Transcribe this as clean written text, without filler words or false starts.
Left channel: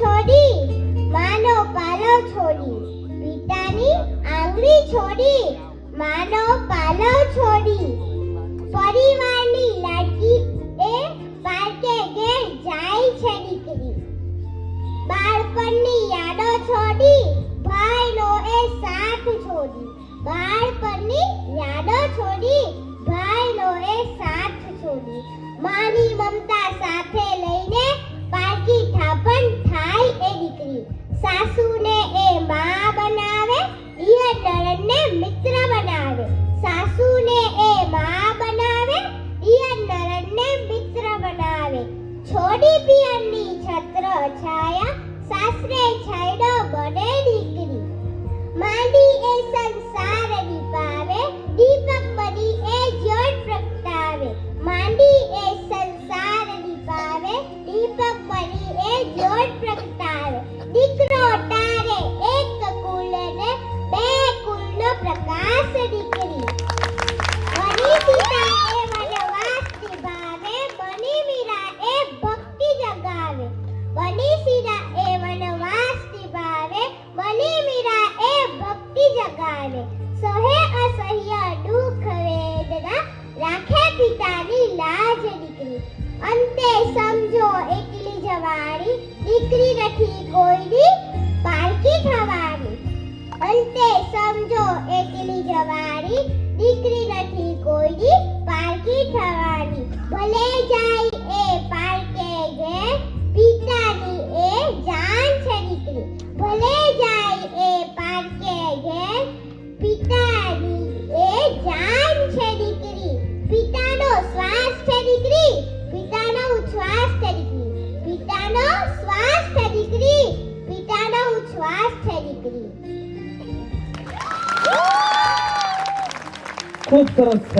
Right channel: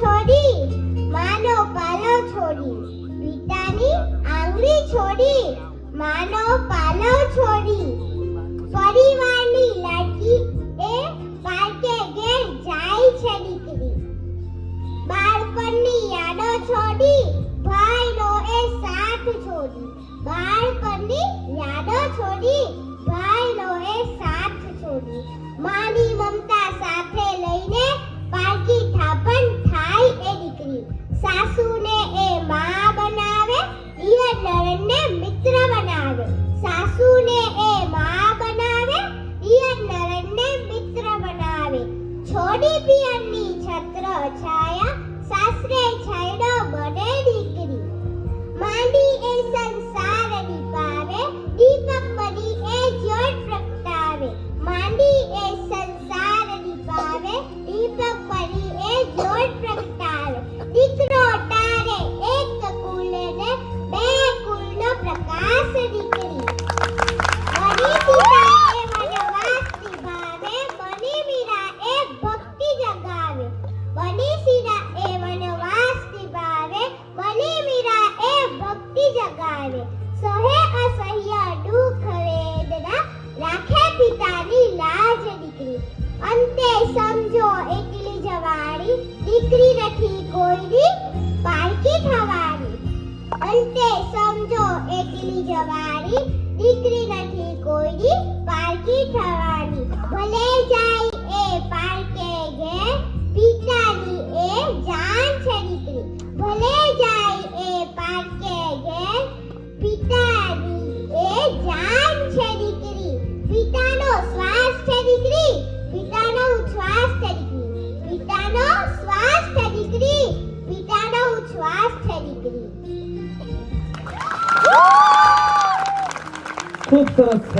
છોડી માનો પાલવ છોડી, પિતાની આંગળી છોડી માનો પાલવ છોડી, પરિવારની લાડકી એ પારકે ઘેર જાય છે દીકરી, બાળપણની યાદો છોડી ભાઈનો એ સાથ છોડી, બાળપણની યાદો છોડી ભાઈનો એ સાથ છોડી, માની મમતા સાથે લઈને પારકી થાપણ થાય એ દીકરી, સાસુને એ માં બનાવે, ઈય નણંદને મિત્ર બનાવે, સાસુને એ માં બનાવે, ઈય નણંદને મિત્ર બનાવે, છોડી પિયરની છત્ર છાયા સાસરે છાયડો બને દીકરી, માંડી એ સંસાર દીપાવે, દીપક બની એ જ્યોત પ્રગટાવે, માંડી એ સંસાર દીપાવે, દીપક બની એ જ્યોત પ્રગટાવે, દીકરો તારે એક કુલને બે કુલનો પ્રકાશ દીકરી, બની સીતા એ વનવાસ નિભાવે, બની મીરા એ ભક્તિ જગાવે, બની સીતા એ વનવાસ નિભાવે, બની મીરા એ ભક્તિ જગાવે, સહે અસહ્ય દુઃખ વેદના રાખે પિતાની લાજ દીકરી, અંતે સમજો એકલી જવારી દીકરી નથી કોઈની પારકી થવાની, અંતે સમજો એકલી જવારી દીકરી નથી કોઈની પારકી થવાની, ભલે જાય એ પારકે ઘેર પિતાની એ જાન છે દીકરી, ભલે જાય એ પારકે ઘેર પિતાની એ જાન છે દીકરી, પિતાનો શ્વાસ છે દીકરી, પિતાનો ઉચ્છ્વાસ છે દીકરી, પિતાનો શ્વાસ છે દીકરી, પિતાનો ઉચ્છ્વાસ છે દીકરી. ખૂબ સરસ.